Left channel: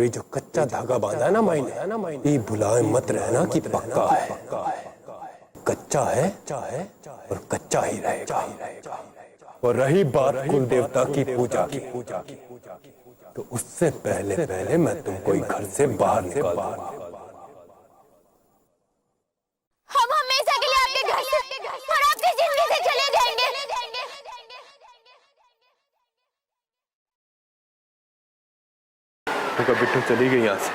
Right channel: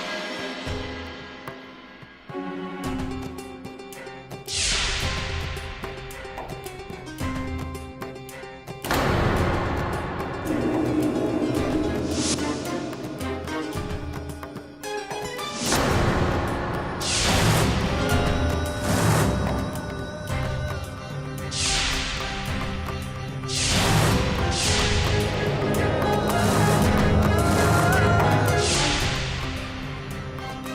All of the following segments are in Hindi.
ये जो कच्चा धागा बांधा है ना मैंने, ये भुलाए मत रहना कि पक्का है। कच्चा है तो कच्चा ही रहेगा। और रही बात कुल देवता की पूजा की, तो उससे पहले मैं तुमको घर से बाहर निकालूंगा। हम हमेशा के लिए आपके घर से और आपकी जिंदगी से चले जाएंगे। तो बिट्टू चली गई यहाँ से।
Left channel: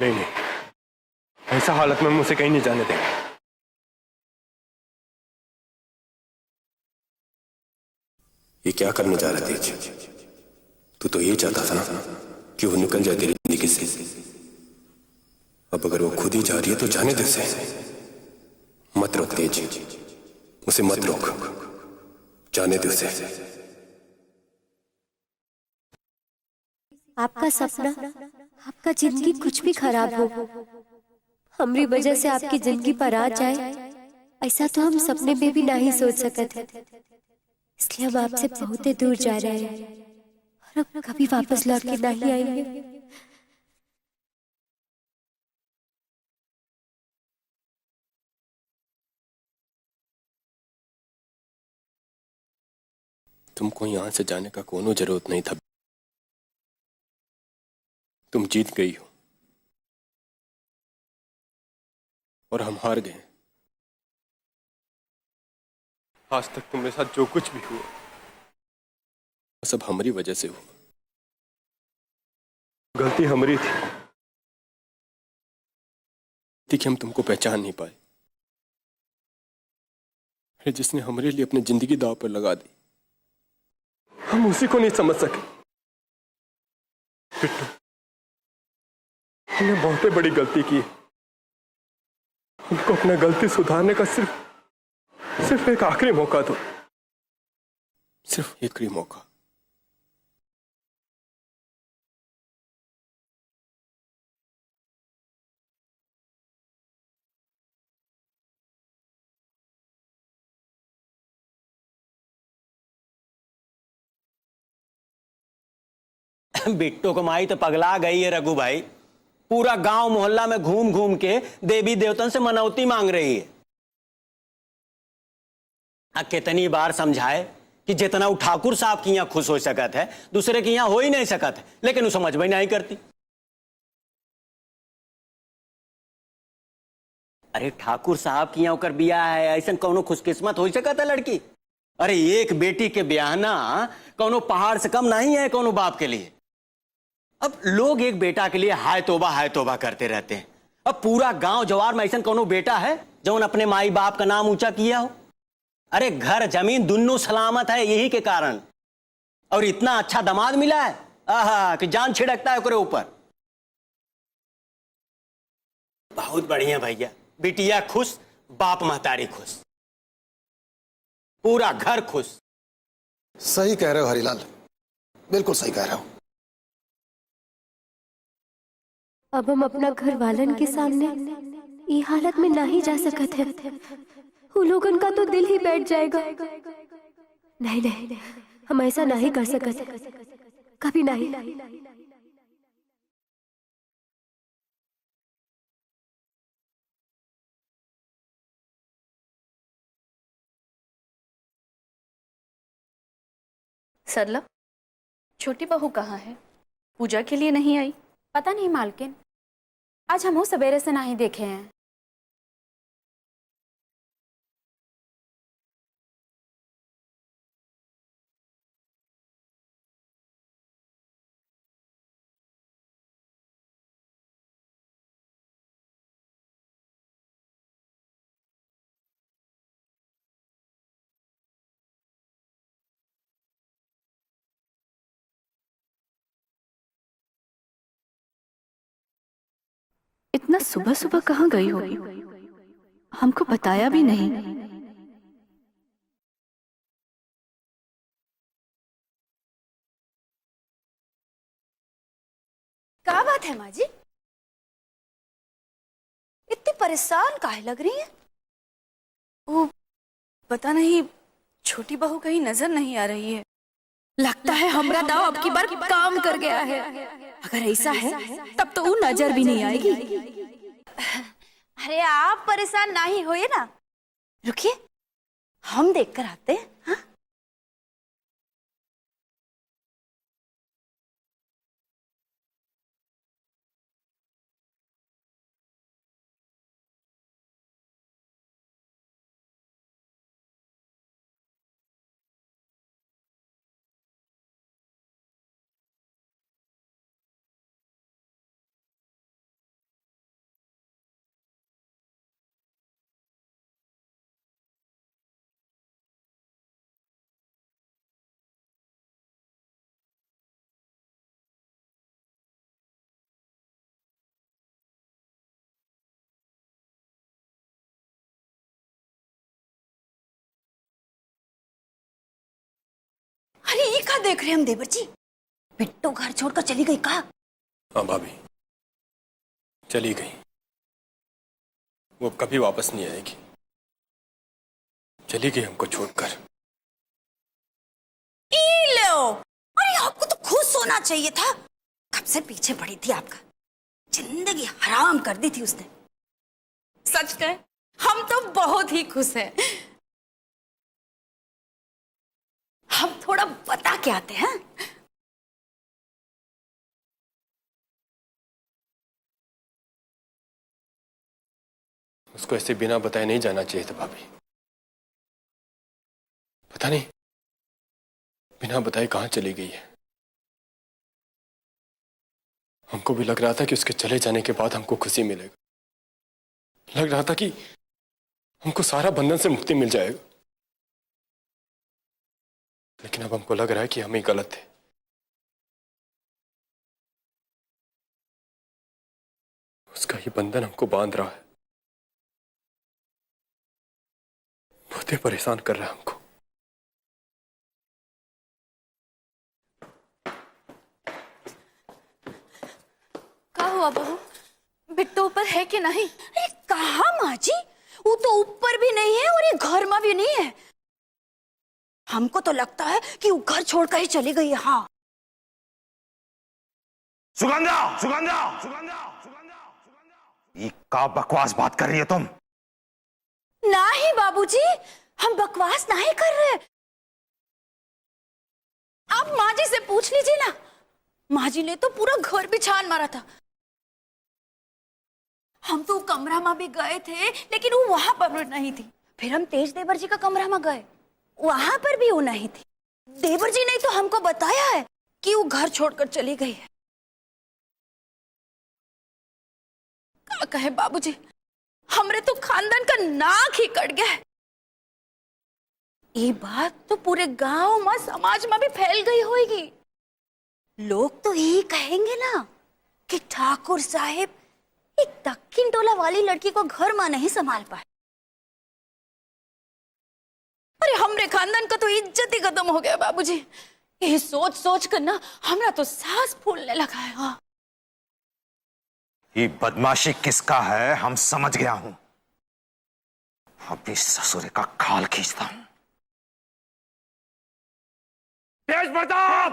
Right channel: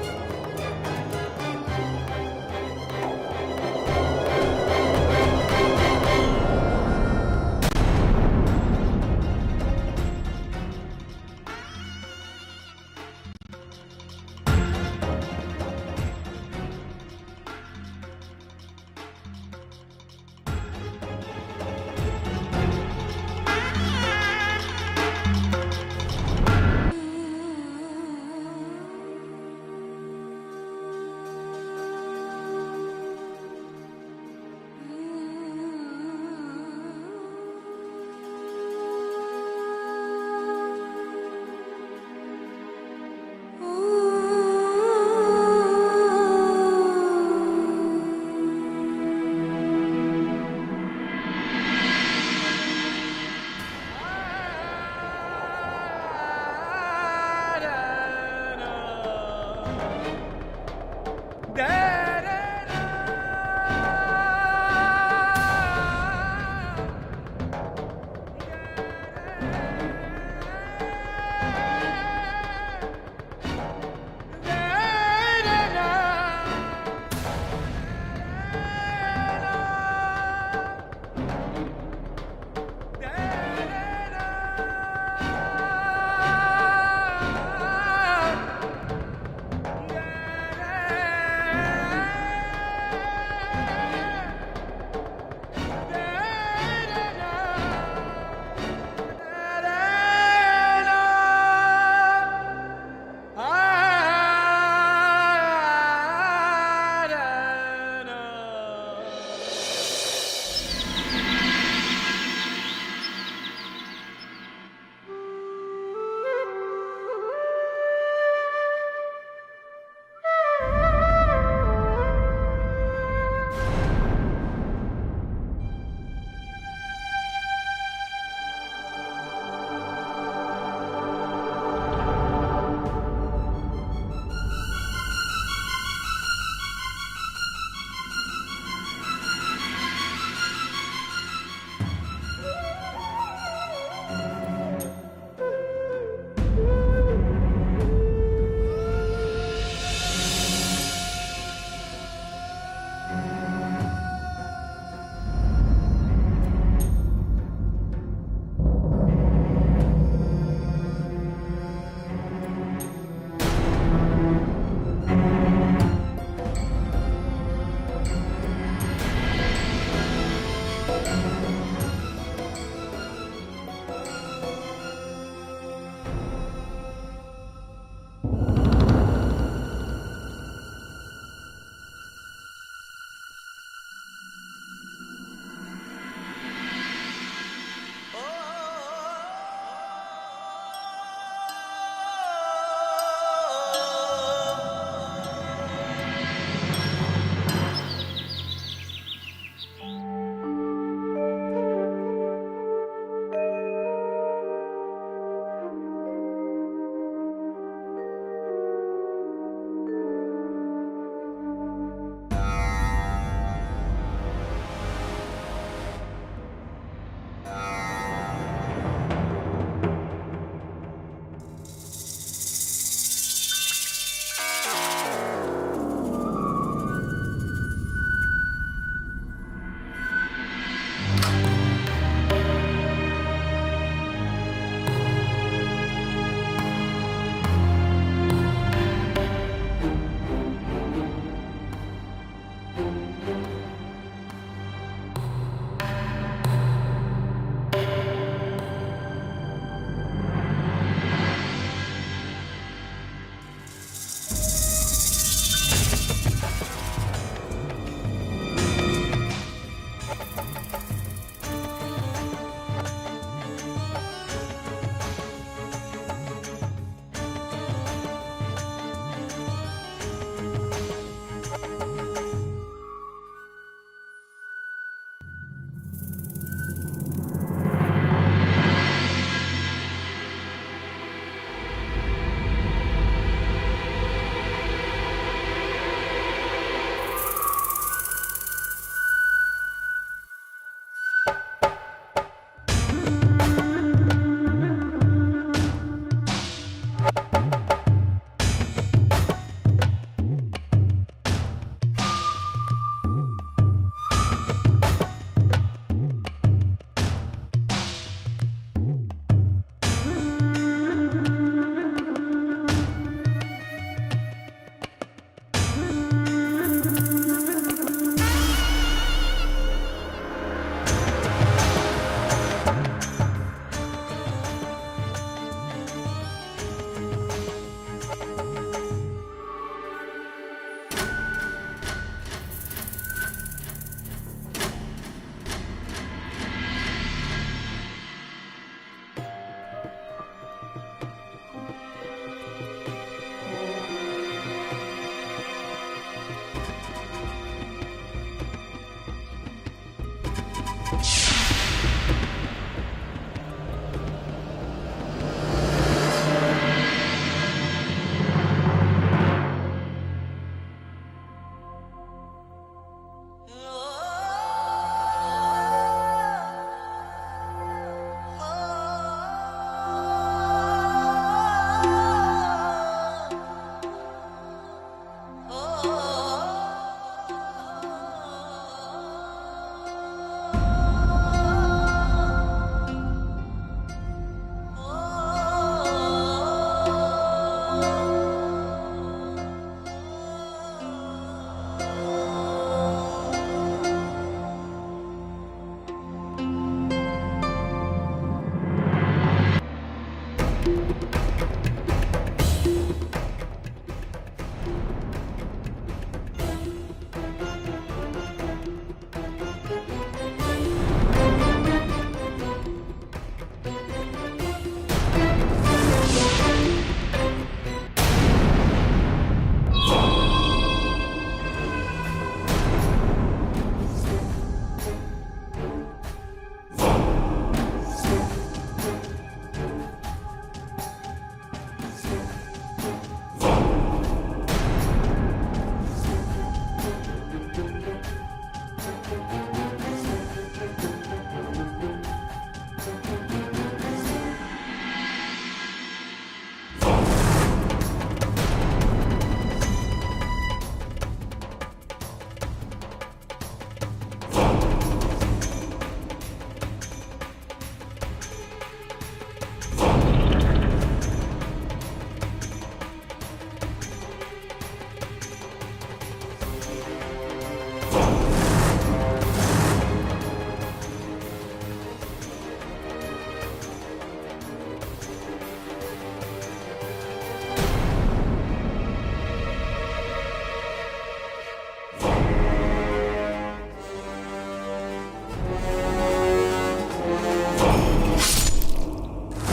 नहीं, ऐसा हालत में मुझसे कहीं नहीं जाने देंगे। ये क्या करने जा रहे थे? तू तो ये चाहता था ना कि वो निकल जाए तेरी जिंदगी से। अब अगर वो खुद ही जा रही है तो जाने दे उसे। मत रोक तेज, उसे मत रोक, जाने दे उसे। आपका सपना, आपका जिंदगी कुछ भी खराब हो, हमारी वजह से आपकी जिंदगी पर आ जाए, ऐसा तो हम सपने में भी नहीं सोच सकते थे। इसलिए हम आपसे बहुत ही दूर जा रहे हैं, हम कभी वापस लौट के नहीं आएंगे। तुमको यहाँ से जाने का कोई जरूरत नहीं था। तुम जीत गई और हम हार गए। आज तक तुम्हारे साथ जो कुछ भी हुआ सब हमारी वजह से। गलती हमारी थी कि हम तुमको पहचान नहीं पाए। जिसने हमारे लिए अपनी जिंदगी दांव पर लगा दी, हम उसी को नहीं समझ सके। हमने बहुत बड़ी गलती की। हमको अपना गलती सुधारने का सिर्फ एक आखिरी मौका दो। सिर्फ एक ही मौका। बिट्टू कमाई तो पगला गई है रघु भाई। पूरा गांव मोहल्ला में घूम घूम के देवी देवतन से मनौती मांग रही है। कितनी बार समझाए कि जितना वो ठाकुर साहब की यहाँ खुश हो सकत है, दूसरे की यहाँ हो ही नहीं सकत, लेकिन वो समझ में नहीं करती। अरे ठाकुर साहब की यहाँ कर दिया है, ऐसा कौनो खुशकिस्मत हो सकत है लड़की? अरे एक बेटी के ब्याहना कौनो पहाड़ से कम नहीं है कौनो बाप के लिए। अब लोग एक बेटा के लिए हाय तौबा करते रहते हैं। अब पूरा गांव जवार में ऐसा कौनो बेटा है जो अपने माई बाप का नाम ऊंचा किया हो? अरे घर जमीन दोनों सलामत है यही के कारण, और इतना अच्छा दामाद मिला है आहा कि जान छिड़कता है उसके ऊपर। बहुत बढ़िया भैया, बिटिया खुश, बाप महतारी खुश, पूरा घर खुश। सही कह रहे हो हरिलाल, बिल्कुल सही कह रहे हो। अब हम अपना घर वालन के सामने ये हालत में नहीं जा सकते हैं। उन लोगों का तो दिल ही बैठ जाएगा। नहीं, हम ऐसा नहीं कर सकते, कभी नहीं। सरला, छोटी बहू कहाँ है? पूजा के लिए नहीं आई? पता नहीं मालकिन, आज हम सवेरे से नहीं देखे हैं। इतना सुबह सुबह कहाँ गई होगी? हमको बताया भी नहीं। क्या बात है माँ जी? इतनी परेशान काहे लग रही है? वो पता नहीं, छोटी बहू कहीं नजर नहीं आ रही है। लगता है हमरा दाव अब की बार काम कर गया है। अगर ऐसा है तब तो वो नजर भी नहीं आएगी। अरे आप परेशान ना ही होइए ना, रुकिए हम देख कर आते हैं। हाँ? देख रहे हम देवर जी, बिट्टो घर छोड़कर चली गई कहा? हाँ भाभी, चली गई। वो कभी वापस नहीं आएगी। चली गई हमको छोड़कर। लो, अरे आपको तो खुश होना चाहिए था। कब से पीछे पड़ी थी आपका, जिंदगी हराम कर दी थी उसने। सच कहें, हम तो बहुत ही खुश हैं। हम थोड़ा बता के आते हैं। उसको ऐसे बिना बताए नहीं जाना चाहिए था भाभी। पता नहीं बिना बताए कहां चली गई है। हमको भी लग रहा था कि उसके चले जाने के बाद हमको खुशी मिलेगी। लग रहा था कि हमको सारा बंधन से मुक्ति मिल जाएगी। लेकिन अब हमको लग रहा है कि हम ही गलत थे। उसका ही बंधन हमको बांध रहा है, बहुत ही परेशान कर रहा है हमको। क्या हुआ बहू, बिट्टू ऊपर है कि नहीं? कहा माँ जी, वो तो ऊपर भी नहीं है और ये घर में भी नहीं है। हमको तो लगता है कि वो घर छोड़कर ही चली गई है। हाँ सुगंधा, सुगंधा, क्या बकवास बात कर रही है तुम? नहीं बाबूजी, हम बकवास नहीं कर रहे। आप माँ जी से पूछ लीजिए ना। माँ जी ने तो पूरा घर पे छान मारा था। हम तो कमरा में भी गए थे, लेकिन वो वहां पर नहीं थी। फिर हम तेज देवर जी का कमरा में गए, वहां पर भी वो नहीं थी। देवर जी ने तो हमको बताया है कि वो घर छोड़कर चली गई। क्या कहे बाबूजी, हमरे तो खानदान का नाक ही कट गया। ये बात तो पूरे गांव में, समाज में भी फैल गई होगी। लोग तो यही कहेंगे ना कि ठाकुर साहब एक दक्षिण टोला वाली लड़की को घर में नहीं संभाल पाए। अरे हमरे खानदान का तो इज्जत ही खत्म हो गया बाबूजी। ये सोच सोच कर ना हमरा तो सांस फूलने लगा है। हाँ। ये बदमाशी किसका है हम समझ गया हूं। अब इस ससुर का खाल खींचता हूं। तेज प्रताप!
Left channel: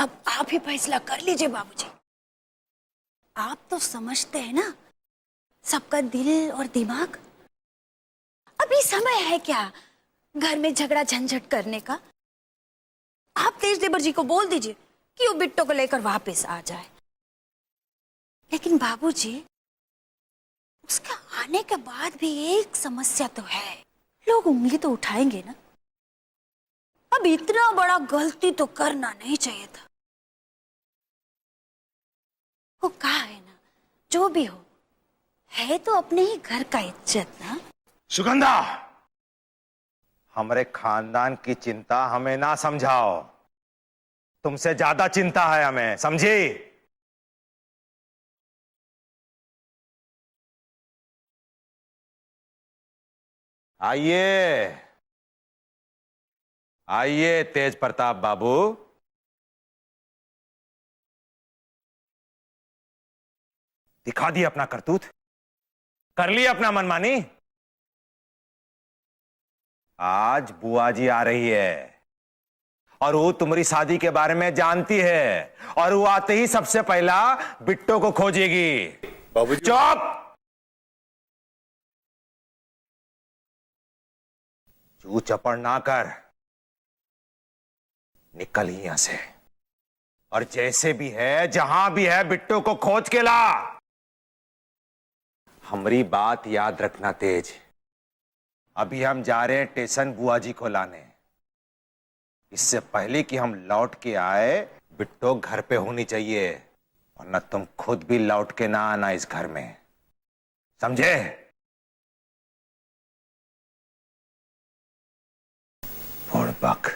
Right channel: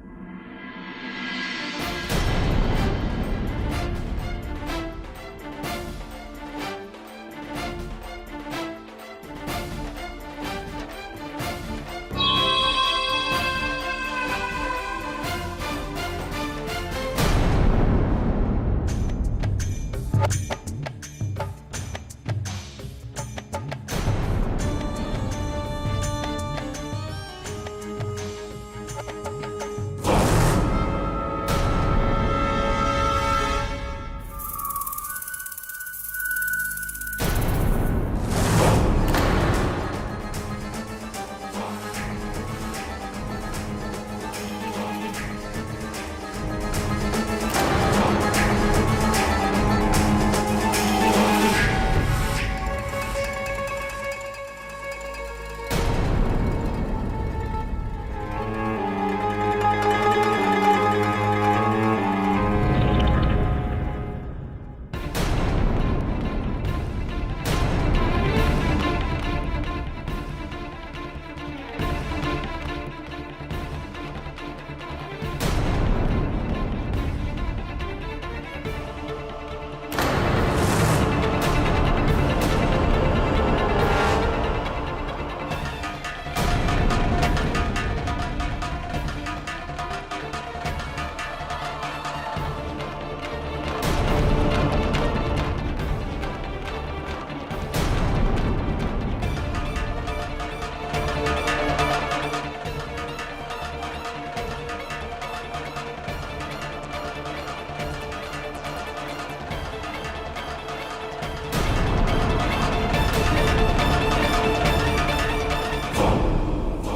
अब आप ही फैसला कर लीजिए बाबूजी। आप तो समझते हैं ना सबका दिल और दिमाग। अभी समय है क्या घर में झगड़ा झंझट करने का? आप तेज देवर जी को बोल दीजिए कि वो बिट्टो को लेकर वापस आ जाए। लेकिन बाबूजी, उसके आने के बाद भी एक समस्या तो है। लोग उंगली तो उठाएंगे ना। अब इतना बड़ा गलती तो करना नहीं चाहिए था। वो कहा जो भी हो, है तो अपने ही घर का इज्जत। सुगंधा, हमारे खानदान की चिंता हमें ना समझाओ। तुमसे ज्यादा चिंता है हमें, समझी? आइए आइए तेज प्रताप बाबू। दिखा दी अपना करतूत, कर ली अपना मनमानी। आज बुआ जी आ रही है और वो तुम्हारी शादी के बारे में जानती है, और वो आते ही सबसे पहला बिट्टो को खोजेगी। चुप! वो चपड़ ना कर, निकल यहां से, और जैसे भी है जहां भी है बिट्टो को खोज के ला। हमारी बात याद रखना तेज, अभी हम जा रहे हैं स्टेशन बुआ जी को लाने। इससे पहले कि हम लौट के आए बिट्टो घर पे होनी चाहिए, न तुम खुद भी लौट के ना आना इस घर में, समझे? और बक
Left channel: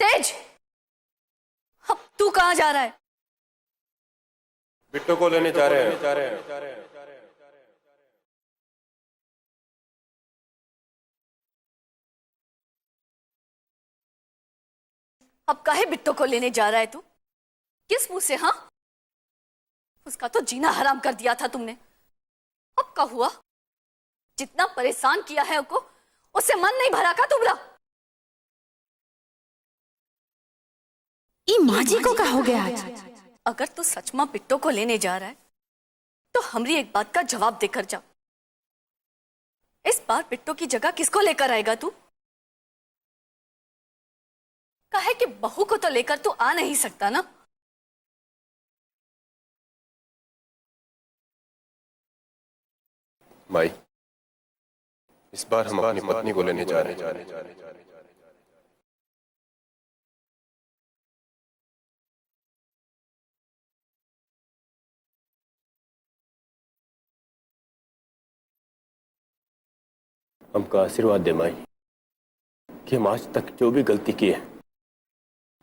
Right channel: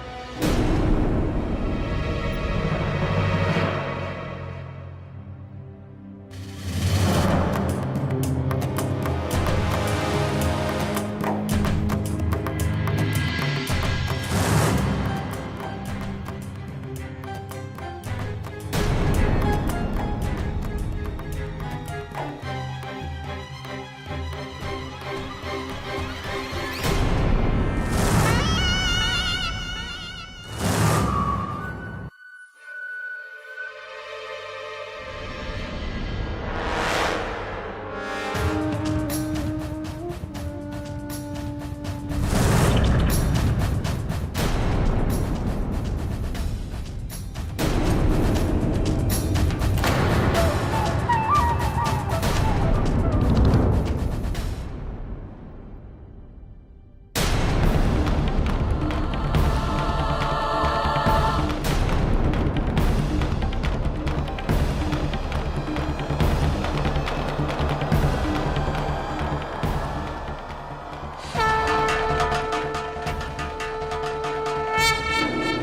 तेज, तू कहाँ जा रहा है? बिट्टो को लेने जा रहे हैं। अब काहे बिट्टो को लेने जा रहा है तू? किस मुंह से? हाँ, इसका तो जीना हराम कर दिया था तुमने। अब क्या हुआ? जितना परेशान किया है उसको, उससे मन नहीं भरा का तुमरा? माँ जी को क्या हो गया आज? अगर तू सच में बिट्टो को लेने जा रहा है तो हमें एक बात का जवाब देकर जा। इस बार बिट्टो की जगह किसको लेकर आएगा तू? कहे कि बहू को तो लेकर तू आ नहीं सकता ना? भाई, इस बार हम अपनी पत्नी को लेने जा रहे हैं। हमका आशीर्वाद देना कि हम आज तक जो भी गलती की है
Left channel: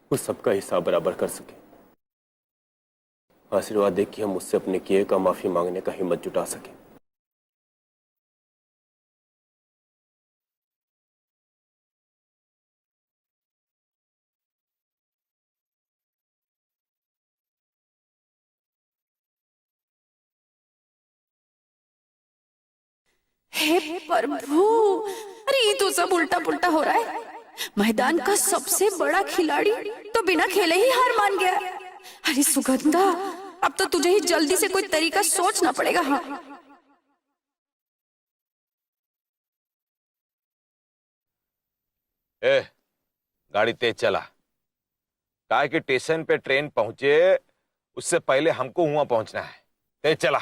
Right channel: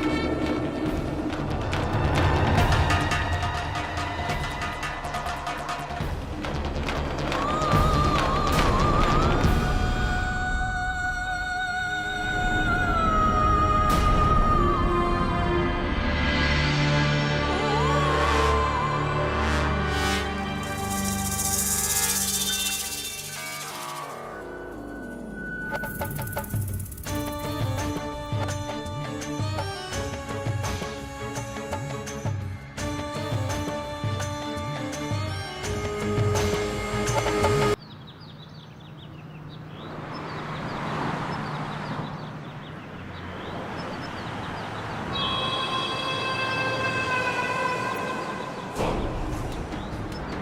वो सबका हिसाब बराबर कर सकें। आशीर्वाद दे कि हम मुझसे अपने किए का माफी मांगने का हिम्मत जुटा सकें। हे प्रभु, अरे ये तो सब उल्टा पुल्टा हो रहा है। मैदान का सबसे बड़ा खिलाड़ी तो बिना खेले ही हार मान गया। अरे सुगंधा, अब तो तुझे ही जल्दी से कोई तरीका सोचना पड़ेगा। हाँ, ए, गाड़ी तेज चला। गाय के स्टेशन पे ट्रेन पहुंचे उससे पहले हमको वहां पहुंचना है। तेज चला।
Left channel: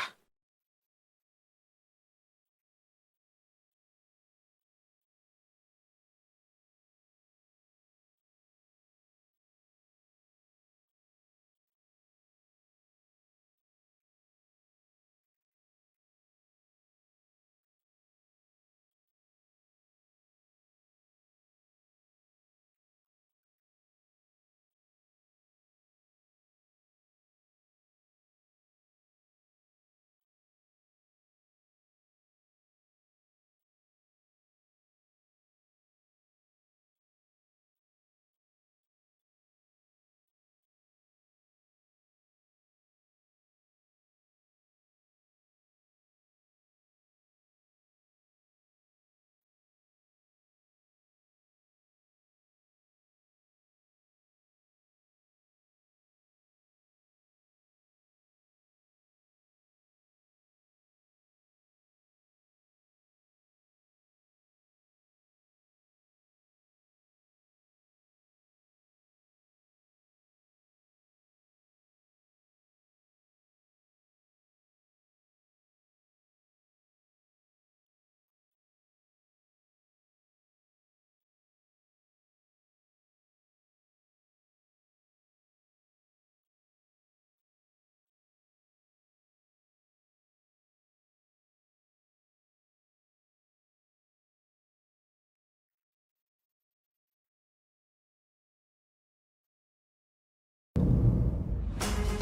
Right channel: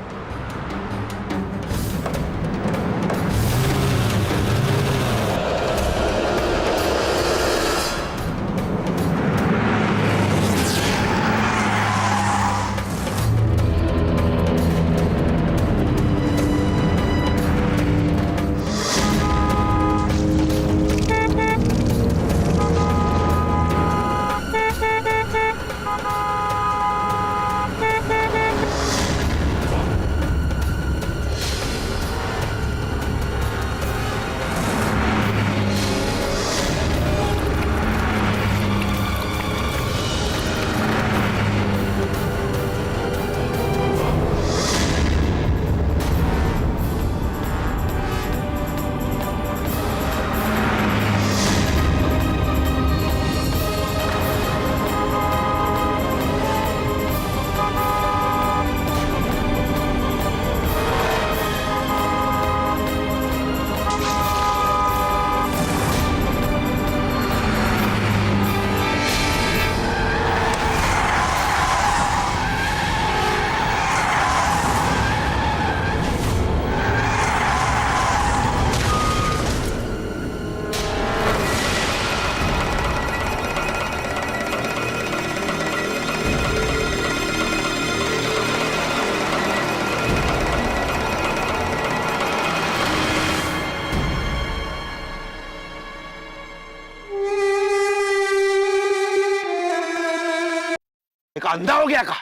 अंधा हो गया का?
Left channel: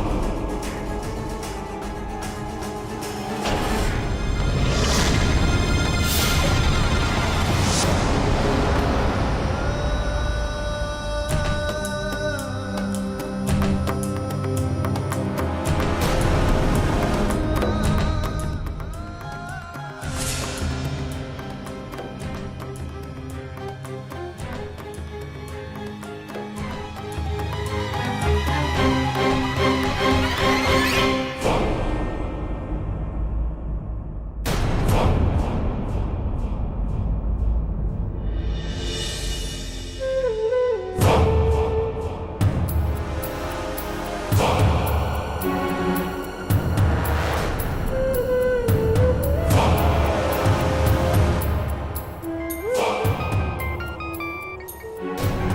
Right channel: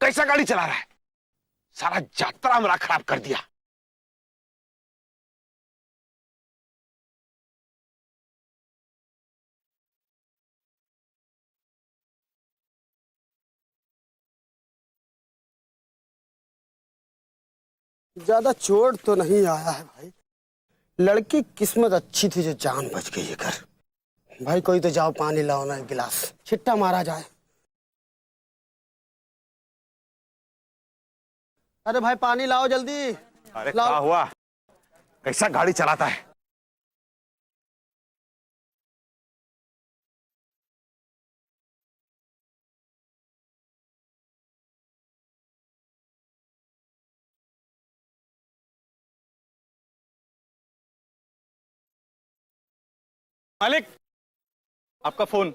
कैसा गाड़ी चला रहा है? सारा यात्रा मेरा खराब कर दिया। ज्यादा चोट तो नहीं आया, लड़की किस्मत अच्छी थी जो जान बच गई है घर। भाई कोई तो जाओ पानी लाओ ना, एक गिलास छिट्टा मारा जाए। अरे भाई पानी लाओ जल्दी। अरे क्या हुआ? ऐसा गाड़ी चलाता है? मालिक, आपका फोन।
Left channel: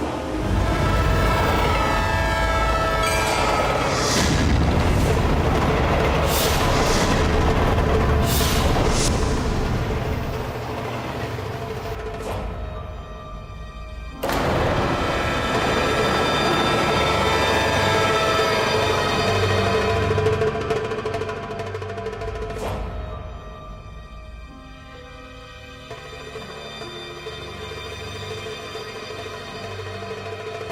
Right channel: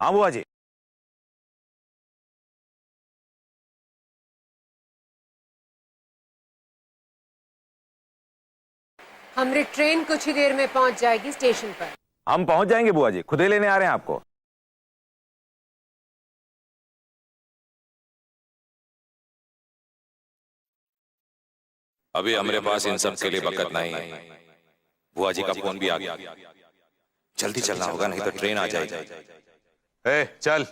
हाँ बुआ जी। हमारी ट्रेन कुछ ही देर में पहुंच जाएगी स्टेशन पर। हम पहुंच जाएंगे बुआ जी, खुद ही लेने आ रहे हैं आपको। अभी हमारे पास इन सब के लिए वक्त नहीं है। बुआ जी का फोन भी आ गया, जल्दी चलना होगा नहीं तो ट्रेन आ जाएगी। ए, चल।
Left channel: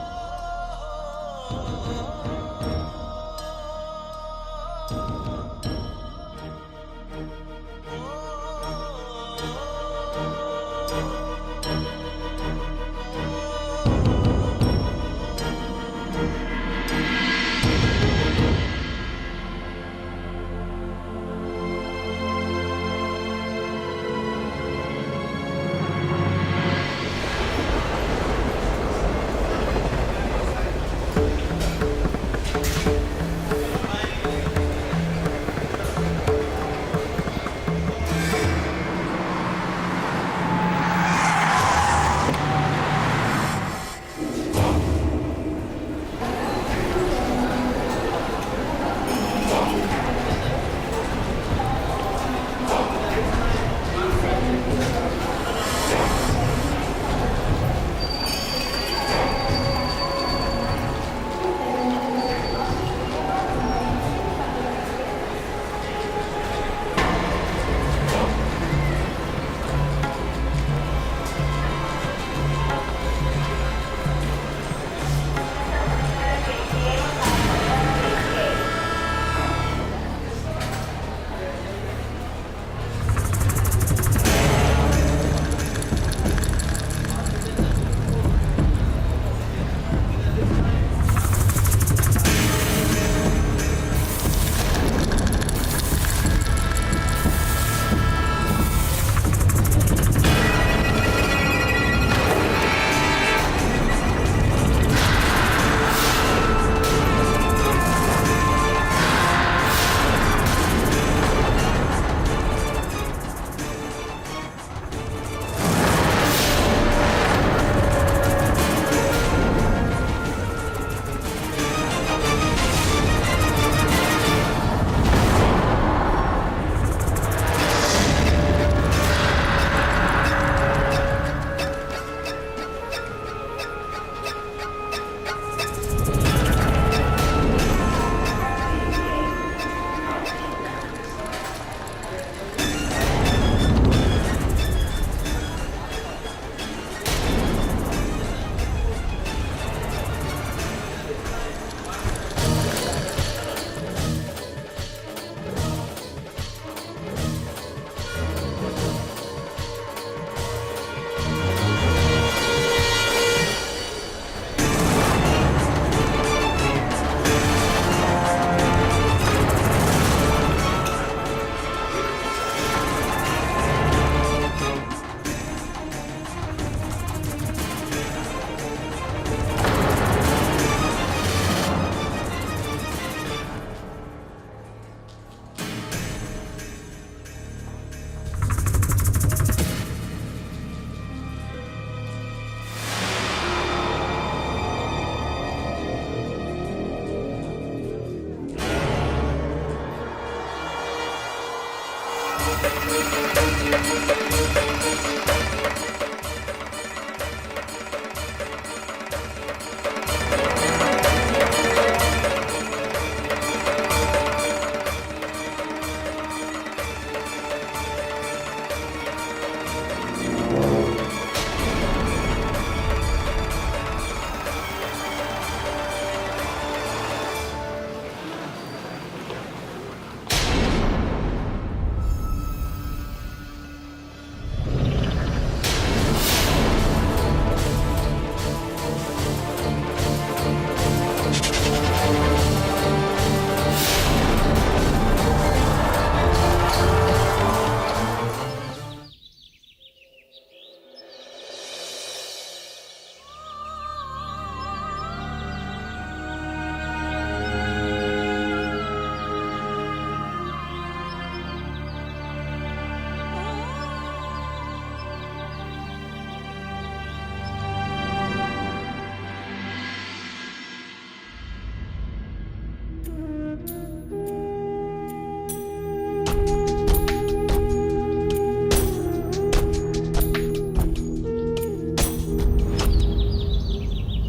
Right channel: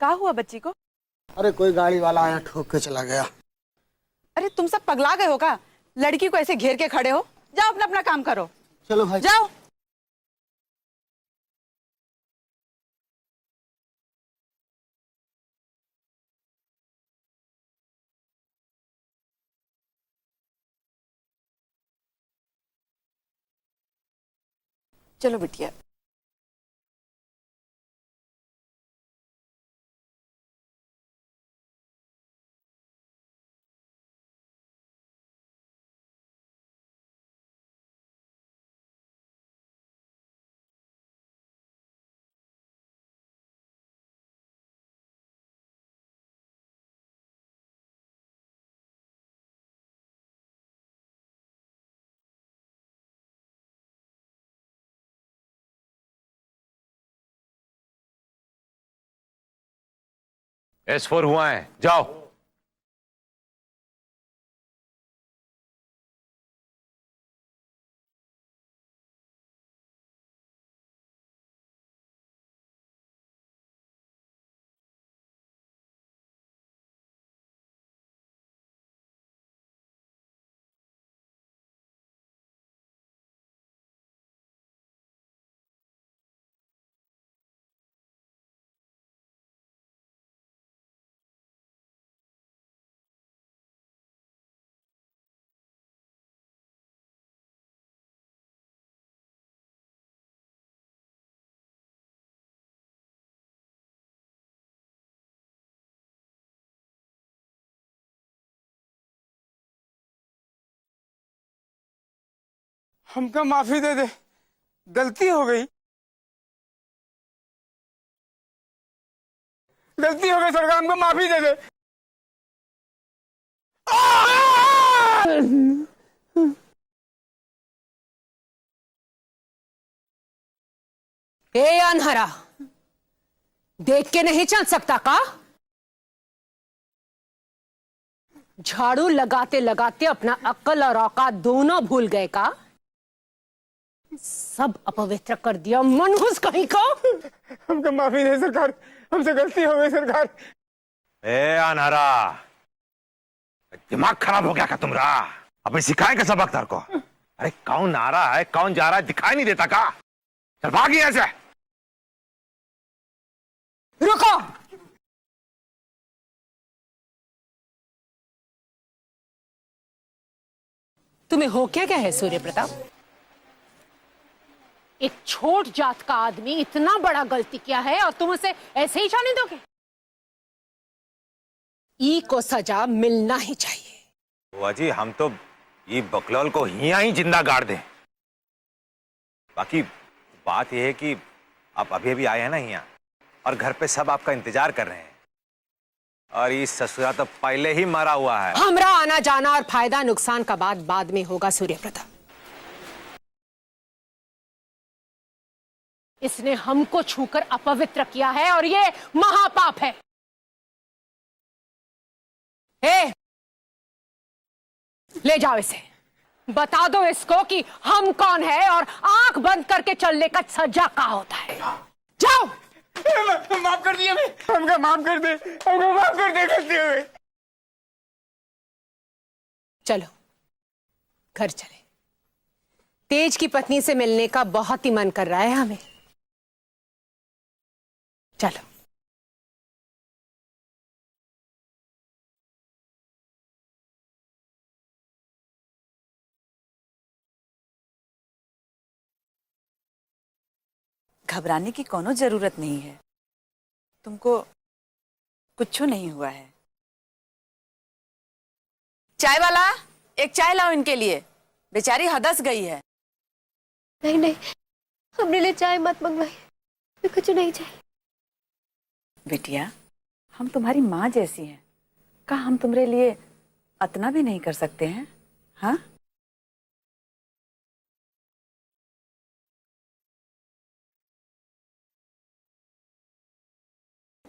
क्या हुआ बच्ची को? अरे कोई गाड़ी वाला आया ठोक के चला गया। अरे तुम सब पगला गए हो क्या? लड़की को ऐसे घेर के खड़े हो, जाओ अपना अपना काम करो। चलो भाई जाओ। चलो बिटिया। S4 हुआ है, जाओ। माफी दे दे, गलती हो गई, गलती हो गई सरकार, हमको माफी दे दे। ए अनहरा, देख के नहीं चल सकता का? झाड़ू लगाते लगाते अपना अक्ल और औकात दोनों भूल गए का? सब अपवित्र कर दिया, मनहूस कहीं को। हमको माफी नहीं सरकार, हमसे गलती हो गई सरकार। ए अनहरा, दिमाग खराब हो गया क्या तुमरा? अब सिखाएंगे सबक तेरे को। अरे कौन आ रहा है, कौन जा रहा है, दिखाई नहीं देता का? भाग यहाँ से। रुको, तुम्हें हो क्या है सूर्य प्रताप? एक छोट जात का आदमी इतना बड़ा गलती किया है और तुम उसे ऐसे ही जाने दो? ई को सजा मिलना ही चाहिए। बुआ जी हम तो ये बकलौल को यहाँ ही जिंदा गाड़ दे। बाकी बात यह है कि आप अभी अभी आए हैं ना यहाँ और घर पे सब आपका इंतजार कर रहे हैं और ये ससुरा तो पहले ही मरा हुआ है। हमरा आना जाना और फायदा नुकसान का बात बाद में होगा सूर्यकथा। इसने हमको छूकर अपवित्र किया है और ये महापाप है। ले जाओ इसे, बता दो इसको कि हम कौन है और आंख बंद करके चलने का सजा क्या होता है। जाओ। माफ कर दिया, हमका माफ कर दे, माफ कर दे करते हुए। चलो घर चले। तेज की पत्नी से मिलने का बहुत ही मन कर रहा है हमें। चलो। घबराने की कोनो जरूरत नहीं है, तुमको कुछ नहीं हुआ है। चाय वाला, एक चाय लाओ इनके लिए, बेचारी हदस गई है। नहीं नहीं, हमने लिए चाय मत मंगवाई, कुछ नहीं चाहिए। बिटिया, हम तुम्हारी माँ जैसी हैं, क्या हम तुम्हारे लिए अतना भी नहीं कर सकते हैं? हाँ?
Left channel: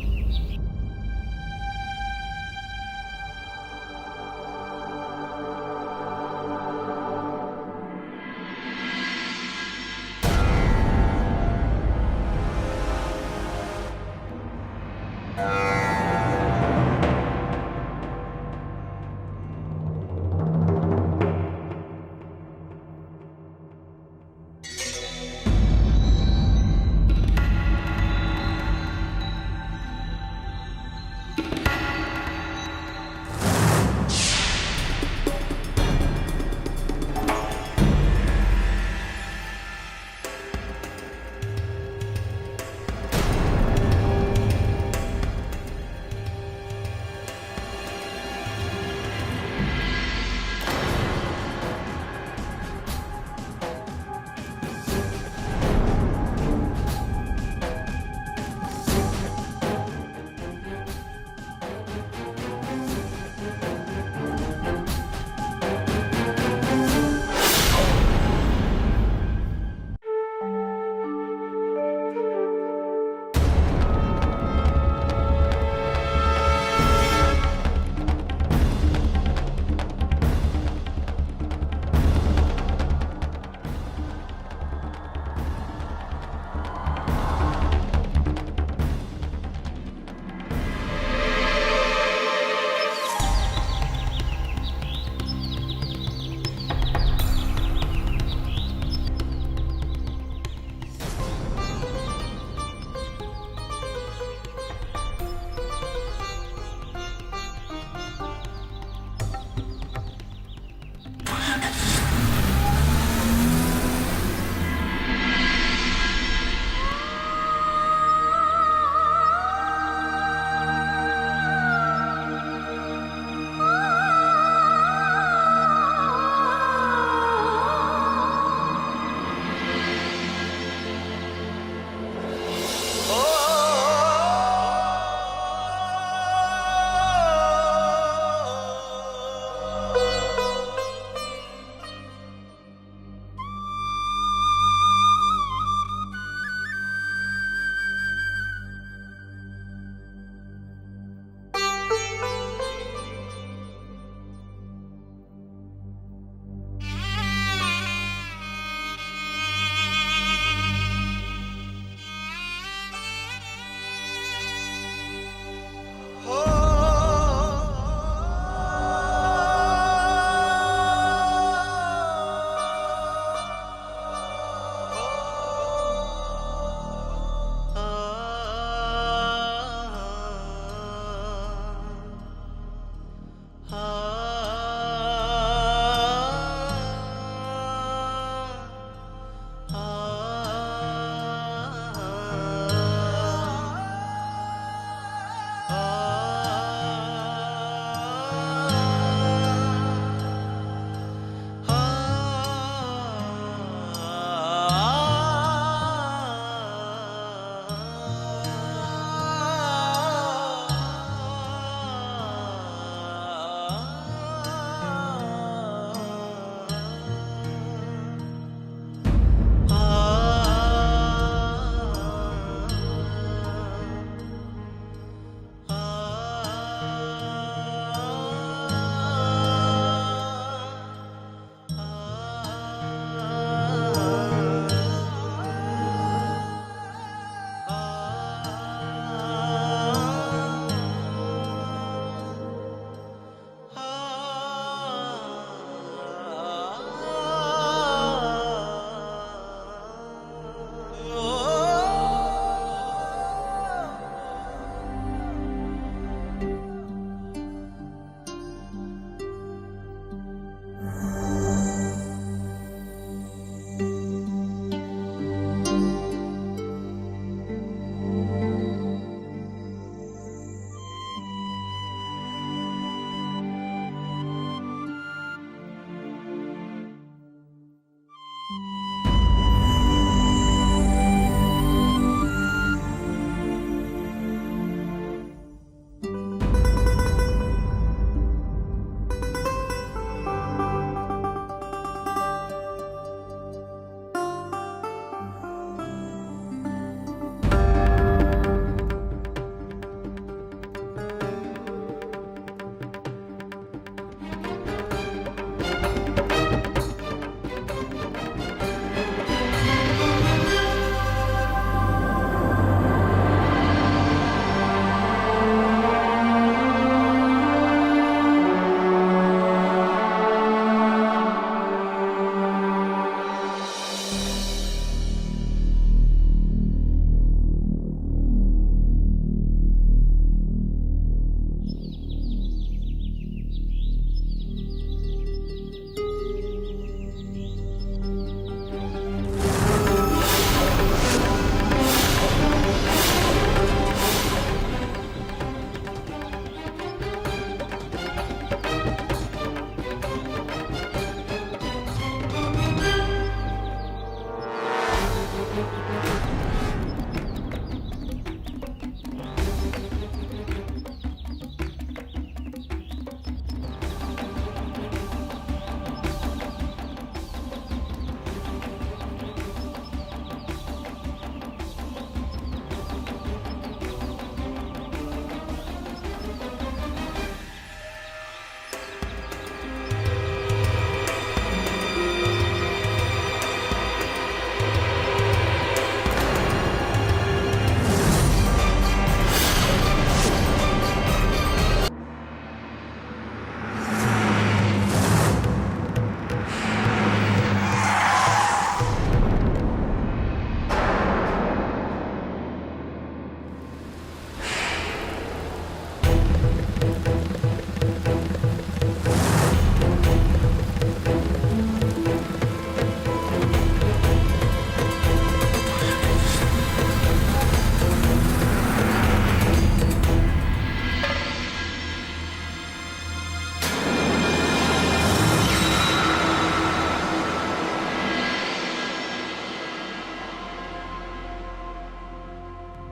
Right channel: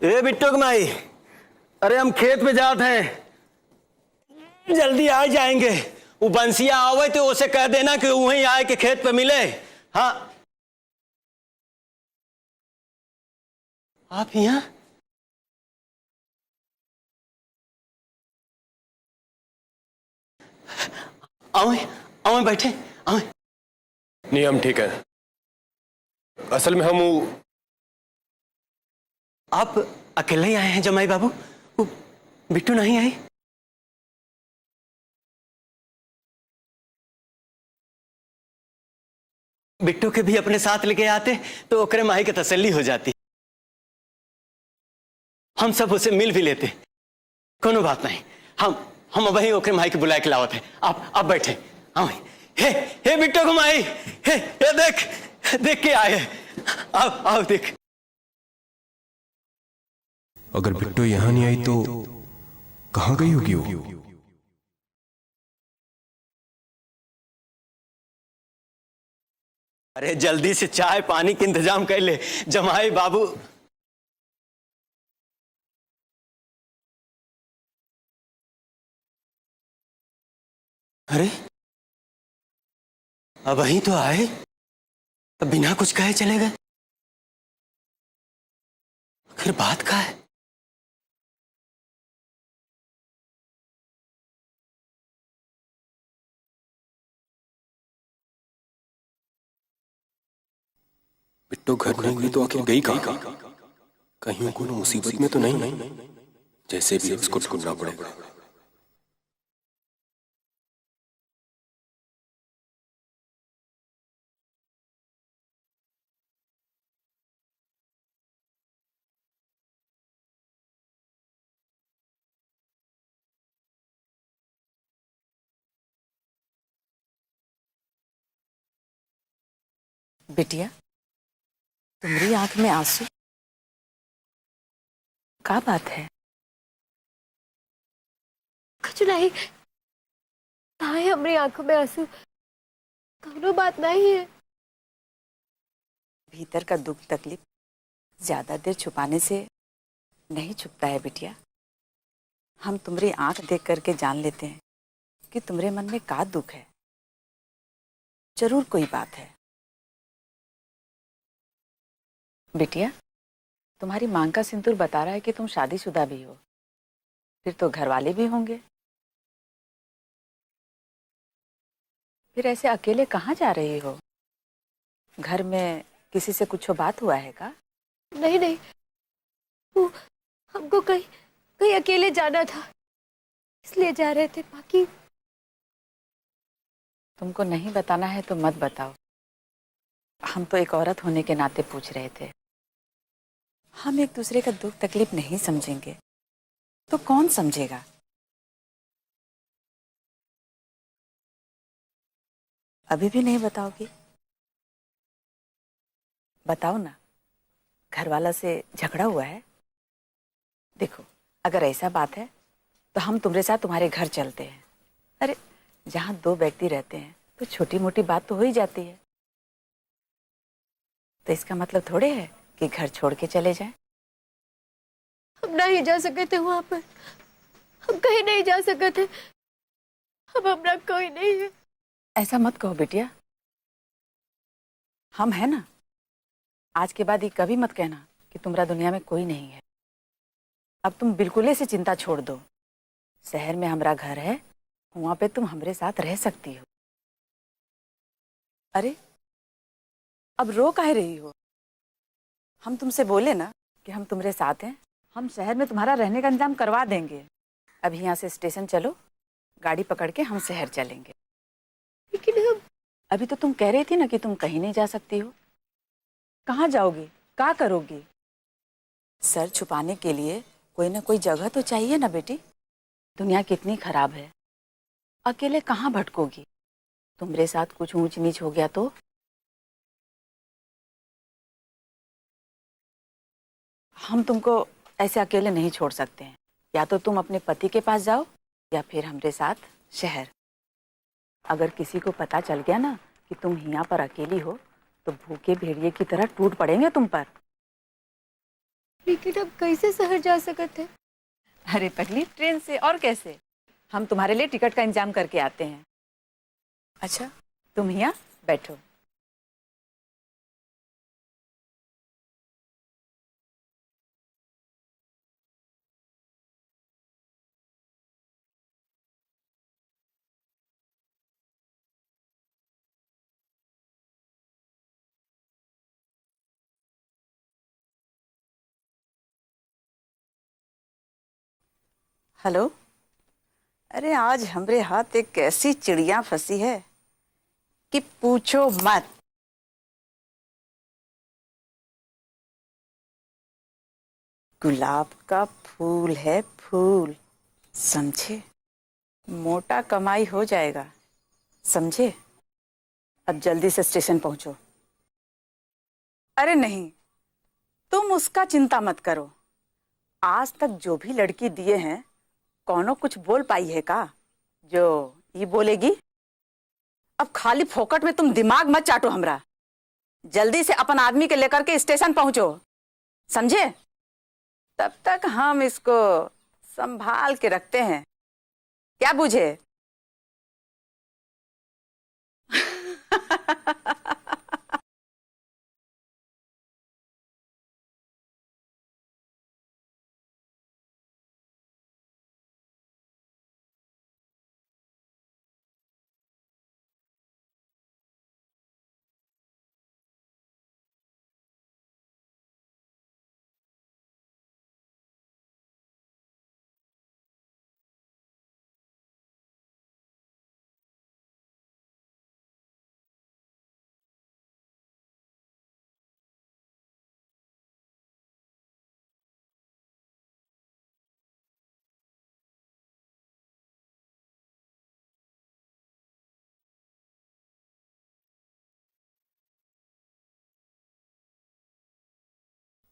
ए बिट्टू कमाई, अरे हम खेत में जाते हैं, जल्दी आ जाएंगे। वो बंसिया आवे तो उसे कह देना कि वहीं आए के खेत पे मिले। हाँ आप यहाँ? आओ बैठे, आओ। नियम ठीक है। असल में हम आप अकेले ही आए हैं जमाई बाबू? बिट्टू नहीं आई? बिट्टू के भी अपने साथ लेके आते तो ओकरे माही की तसल्ली हो जाती, हम सब उसे मिल भी लेते। कोनो बात नहीं, हम वही ओकरे माही के बुला के लावते। आप बैठे। आओ। हे बिट्टू को माही, हे देख के आए। आओ देख। अगर बिट्टू यहाँ नहीं आई तो कहाँ गई होगी वो? अरे जल्दी से चाय पानी के इंतजाम कर ले जमाई बाबू। अरे अब वहीं तो आए, अब बिना कुछ कहे चले गए, फिर बात का है? तो घर में हुई तो आखिर गई कहाँ? कहीं कोई मुसीबत में तो नहीं? जैसे भी उसको ढूंढना पड़ेगा। बिटिया, मेरी आंख में आंसू, क्या बात है? कुछ नहीं, आए हमारी आंखों में आंसू, कोनो बात नहीं है। भीतर का दुख तकलीफ ज्यादा देर छुपाने से नहीं छुपता है बिटिया। हम तुम्हारी आंख देख करके जान लेते हैं कि तुम्हारे मन में क्या दुख है। जरूर कोई बात है। बिटिया, तुम्हारी मांग का सिंदूर बता रहा है कि तुम शादीशुदा भी हो, फिर तो घर वाले भी होंगे। फिर ऐसे अकेले कहाँ जा रही हो? घर में किसी से कुछ बात हुआ है क्या? नहीं नहीं, हमको कहीं अकेले जाना था, इसलिए जा रहे थे। कि तुमको नहीं बताना है तो मत बताओ, हम तो एक औरत होने के नाते पूछ रहे थे। हम एक दूसरे का दुख तकलीफ नहीं समझेंगे तो कौन समझेगा? अभी भी नहीं बताओगे? बताओ ना, घर वाला से झगड़ा हुआ है? देखो, अगर ऐसा बात है तो हम तुम्हारे साथ तुम्हारे घर चलते हैं। अरे जहाँ दो व्यक्ति रहते हैं तो छोटी मोटी बात तो हो ही जाती है। तो इसका मतलब थोड़े है कि घर छोड़ के चले जाए। हम नहीं जा सके थे वहां पर, हम कहीं नहीं जा सके थे, अब अपना कोई नहीं है। ऐसा मत कहो बिटिया, हम है ना। आज के बाद ये कभी मत कहना कि तुम्हारा दुनिया में कोई नहीं है। अब तुम बिल्कुल ही से चिंता छोड़ दो। शहर में हमारा घर है, वहां पे तुम हमारे साथ रह सकती हो। अरे अब रो काहे रही? हम तुमसे बोले ना कि हम तुम्हारे साथ हैं, हम शहर में तुम्हारा रहने का इंतजाम करवा देंगे। अभी यहाँ से स्टेशन चलो, गाड़ी पकड़ के हम शहर चलेंगे। लेकिन अभी तो तुम कह रही थी ना कि तुम कहीं नहीं जा सकती हो। कहाँ जाओगी, क्या करोगी? सर छुपाने के लिए कोई ना कोई जगह तो चाहिए ना बेटी। दुनिया कितनी खराब है, अकेले कहाँ भटकोगी? तुम्हारे साथ कुछ ऊंच नीच हो गया तो? हम तुमको ऐसे अकेले नहीं छोड़ सकते। या तो तुम अपने पति के पास जाओ या फिर हमारे साथ शहर। अगर किसी को पता चल गया ना कि तुम यहाँ पर अकेली हो तो भूखे भेड़िए की तरह टूट पड़ेंगे तुम पर। लेकिन अब कैसे शहर जा सकते? अरे पगली, ट्रेन से। और कैसे? हम तुम्हारे लिए टिकट का इंतजाम करके आते हैं। अच्छा, तुम यहाँ बैठो। हेलो, अरे आज हमरे हाथ एक ऐसी चिड़िया फंसी है कि पूछो मत। गुलाब का फूल है फूल, समझे? मोटा कमाई हो जाएगा, समझे? अब जल्दी से स्टेशन पहुंचो। अरे नहीं, तुम उसका चिंता मत करो। आज तक जो भी लड़की दिए हैं, कौनो कुछ बोल पाई है का जो ये बोलेगी? अब खाली फोकट में तुम दिमाग मत चाटो हमरा। जल्दी से अपन आदमी के लेकर के स्टेशन पहुंचो, समझे? तब तक हम इसको संभाल के रखते हैं, क्या बुझे?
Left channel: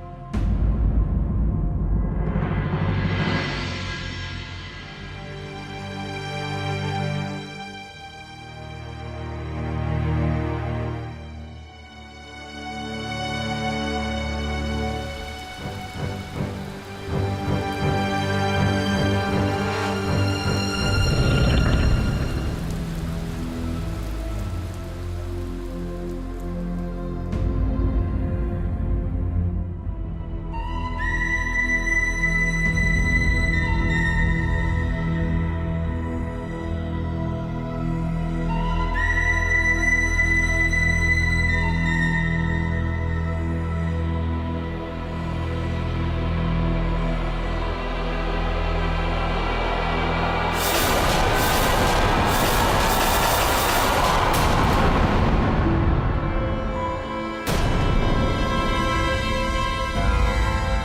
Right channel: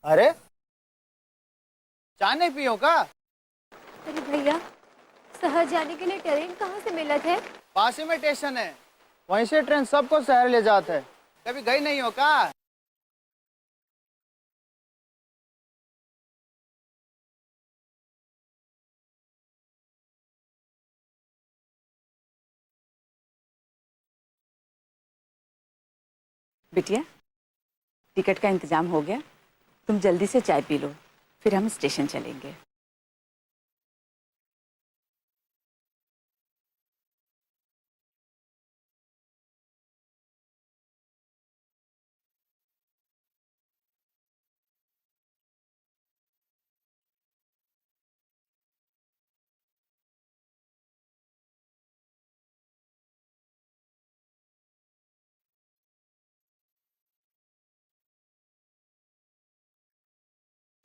अरे जाने पियो का? अरे भैया, शहर जाने के लिए ट्रेन कहाँ से मिला है? पास ही में स्टेशन है, वहीं से ट्रेन सबको शहर ले जाता है। कभी गई नहीं हो का? बिटिया, टिकट का इंतजाम हो गया, तुम जल्दी से चाय पी लो, फिर हम स्टेशन चलेंगे।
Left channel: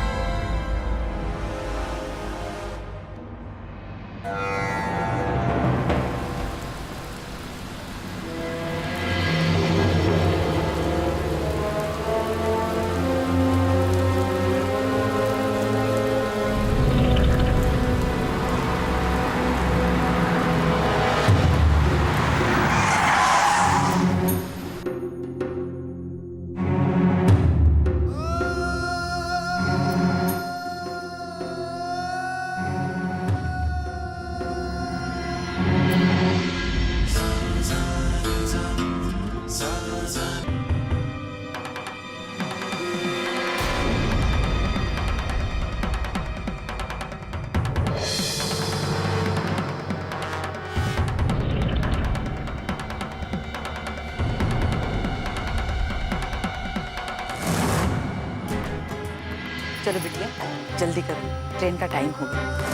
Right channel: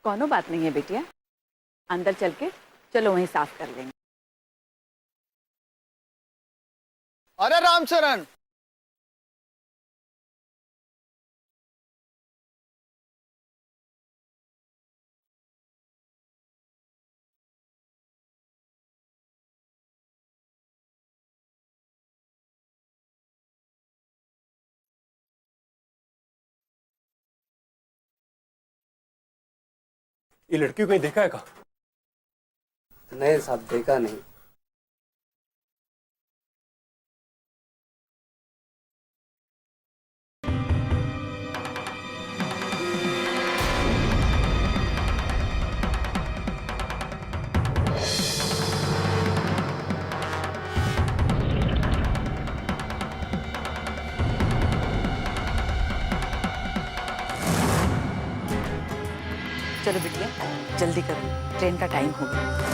कोनो बात नहीं है बेटिया, अंदर चल के चलो वहीं साफ कर लेंगे। अरे रामचरण, लड़की को कहीं देखा है क्या? नहीं साहब, देखा नहीं। चलो बिटिया, जल्दी करो, ट्रेन का टाइम हो गया।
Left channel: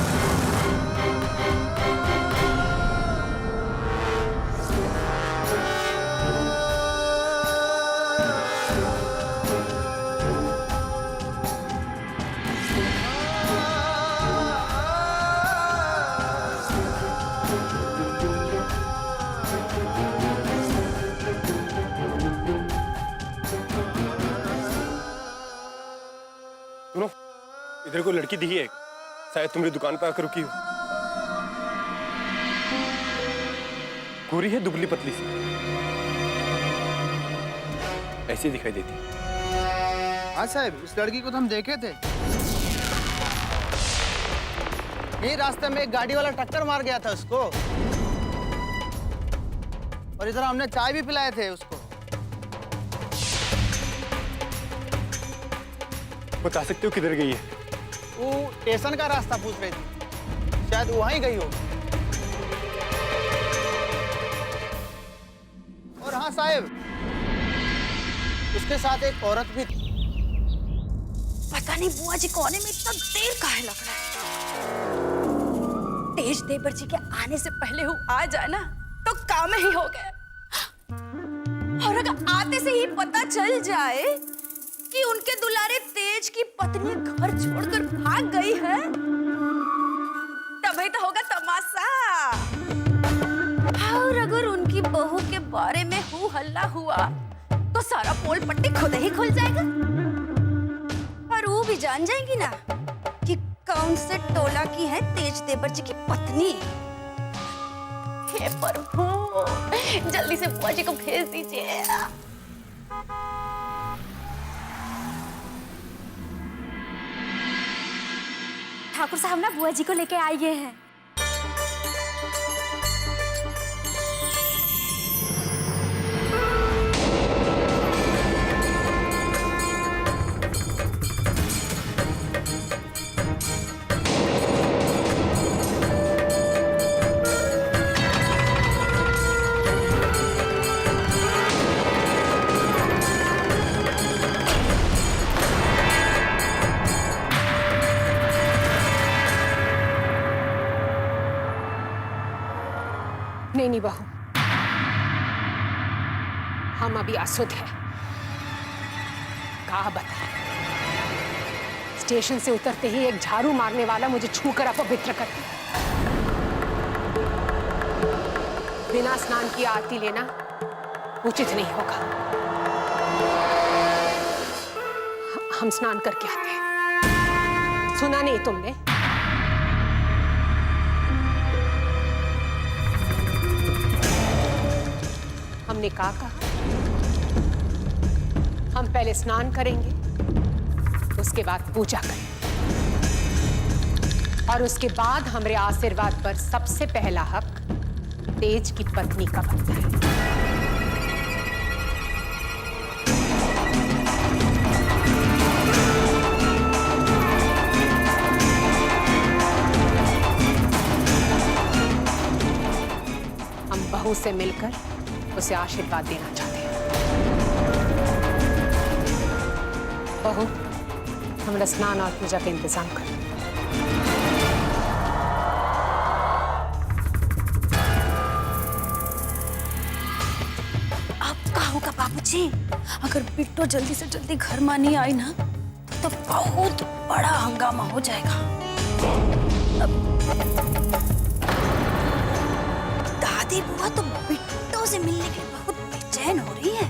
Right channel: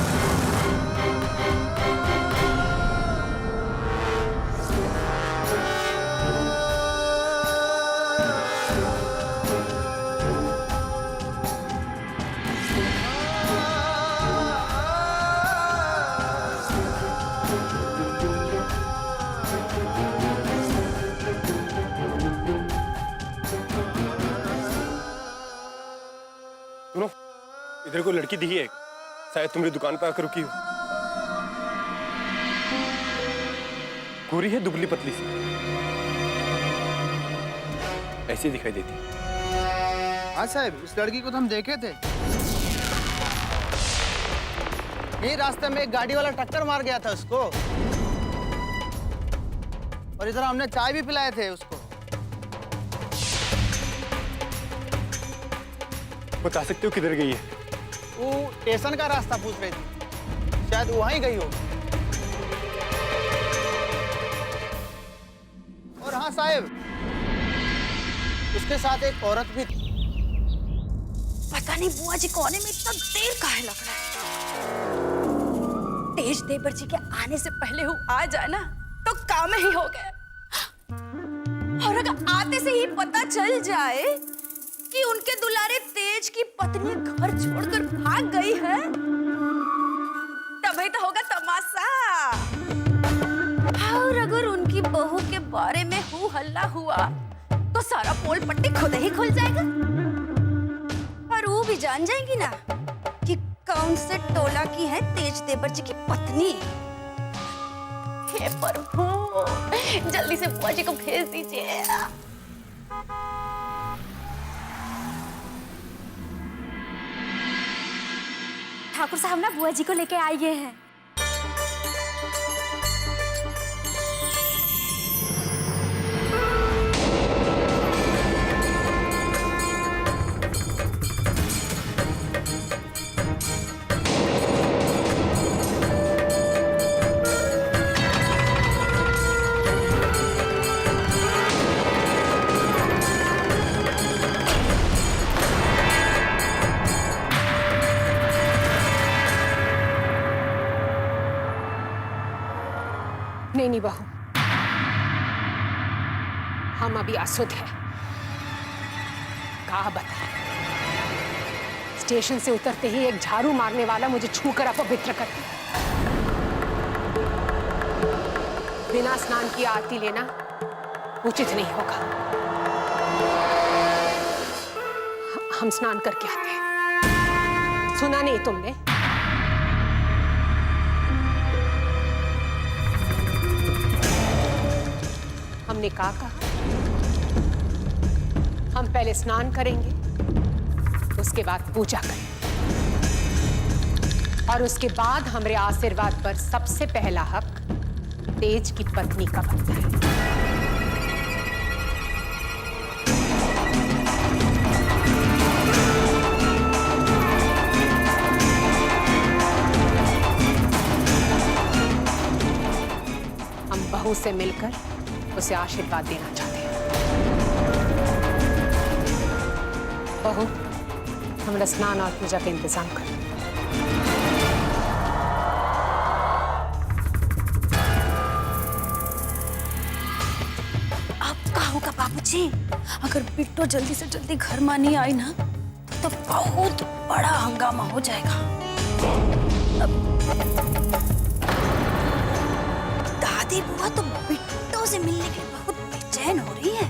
सुनो, इधर कोई लड़की दिखी है, शायद तुम्हारी दुकान पे आकर रुकी हो। गोरी है, दुबली पतली सी, ऐसी दिखाई देती। हाँ साहब, इस लड़की को तो हम देखे थे। यही रास्ते में एक गाड़ी वाला टक्कर मार गया था उसको, और इधर हमने चाय भी पिलाए थे उसको। बता सकते हो किधर गई है? वो स्टेशन का रास्ता पूछ रही थी, शायद वहीं गई हो। और हाँ साहब, उसके साथ एक औरत भी थी। पता नहीं बुआ जी को आने में इतना देर काहे लग रहा है। तेज देवर जी के आने से पहले वो आ जाए ना तो काम ही हो गया। और अगर आते से ही पता चल जाए कि उनके दुलारे तेज की पत्नी घर छोड़कर भाग गई है, तभी तो होगा तमाशा। और अगर उनकी बहू के बारे में हू हल्ला हुआ तो सारा पोल पट्टी खुद ही खुल जाएगा, और वो भी जान जाएंगी ना कि कौन से टोला की है तेज देवर जी की पत्नी। हे प्रभु, जल्दी से बुआ जी को भेज दीजिए। ठाकुर साहब ना बुआ जी को लेके आए हैं। नहीं बहू, हम अभी आसुद हैं। कहा बता, स्टेशन से उतरते ही एक झाड़ू मारने वाला मुझे छूकर अपवित्र कर दिया। बिना स्नान किए आरती लेना उचित नहीं होगा। हम स्नान करके आते हैं। सुना नहीं तुमने? हमने कहा हम पहले स्नान करेंगे, उसके बाद पूजा करेंगे, और उसके बाद हमारे आशीर्वाद पर सबसे पहला हक तेज की पत्नी का बनता है। हम बहू से मिलकर उसे आशीर्वाद देना चाहते हैं। बहू, हमारा स्नान और पूजा का इंतजाम कर। अब क्या होगा बाबूजी? अगर बिट्टो जल्दी से जल्दी घर में नहीं आई ना तो बहुत बड़ा हंगामा हो जाएगा। दादी बुआ तो बिट्टो से मिलने के लिए बहुत बेचैन हो रही है।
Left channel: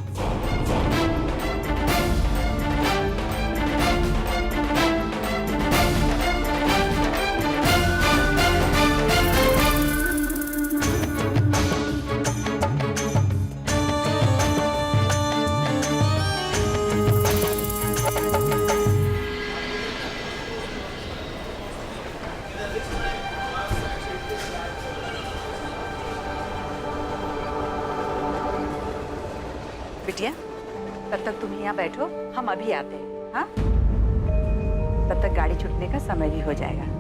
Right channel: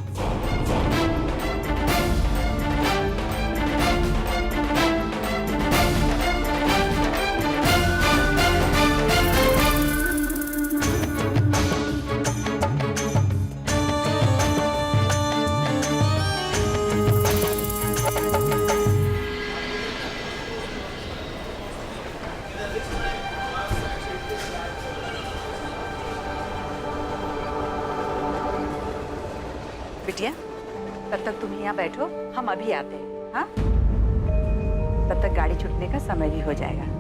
यहाँ बैठो, हम अभी आते हैं। हाँ, तब तक गाड़ी छूटने का समय भी हो जाएगा।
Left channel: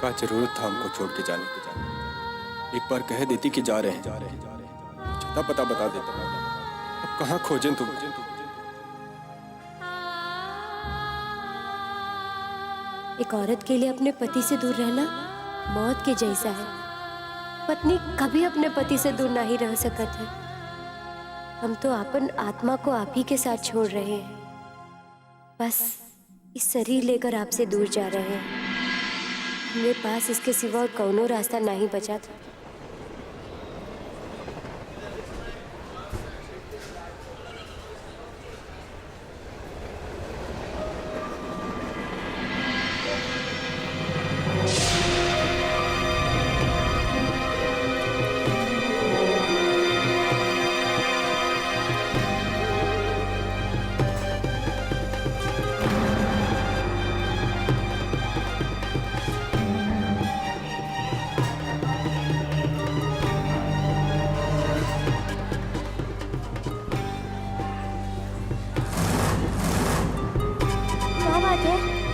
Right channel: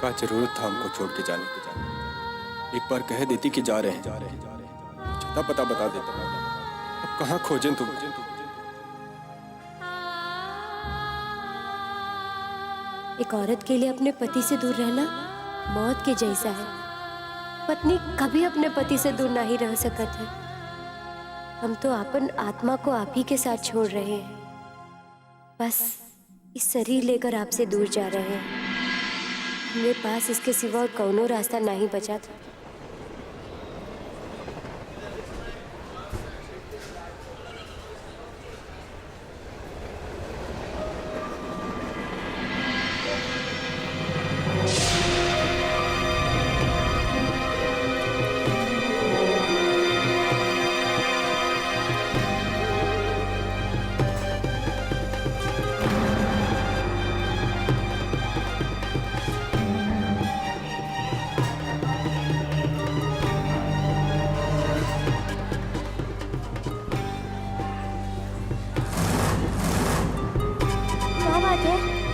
का जरूरत था हमको छोड़ के जाने की। एक बार कह देती कि जा रहे हैं, छता पता बता देता। अब कहाँ खोजें तुम? एक औरत के लिए अपने पति से दूर रहना मौत के जैसा है। पत्नी कभी अपने पति से दूर नहीं रह सकत है। हम तो अपन आत्मा को आप ही के साथ छोड़ रहे हैं। बस इस शरीर लेकर आपसे दूर जा रहे हैं। मेरे पास इसके सिवा और कौनो रास्ता नहीं बचा था।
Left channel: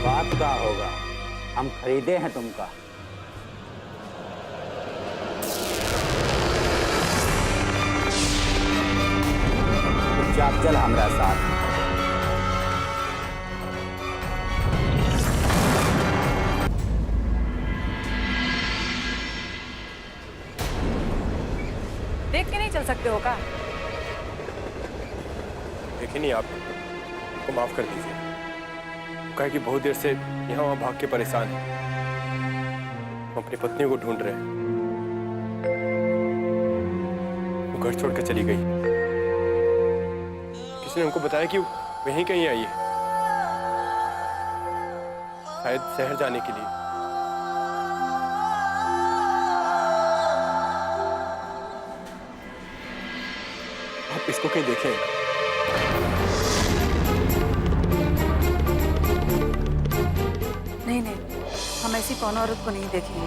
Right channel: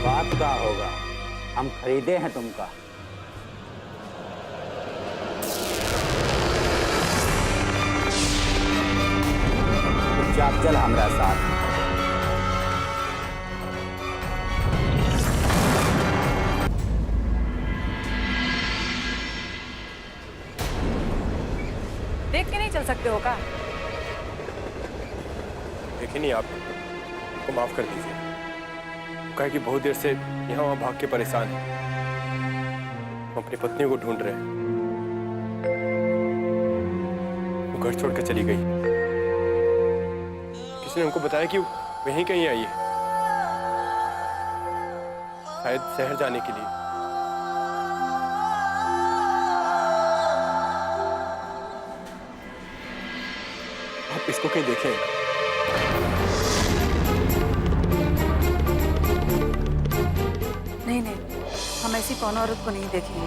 बात का होगा, हम खरीदे हैं तुमका। चुपचाप चल हमारा साथ। देख के नहीं चल सकते हो का? देखिए नहीं, आपको माफ कर दीजिए। कहे कि बहुत देर से यहाँ वहाँ भाग के परेशान है। हम अपनी पत्नी को ढूंढ रहे हैं। वो घर छोड़कर चली गई। किसी ने हमको बताया कि वो यहीं कहीं आई है, शायद शहर जाने के लिए। आप इसको कहीं देखें। नहीं नहीं, हम ऐसी कौन औरत को नहीं देखेंगे।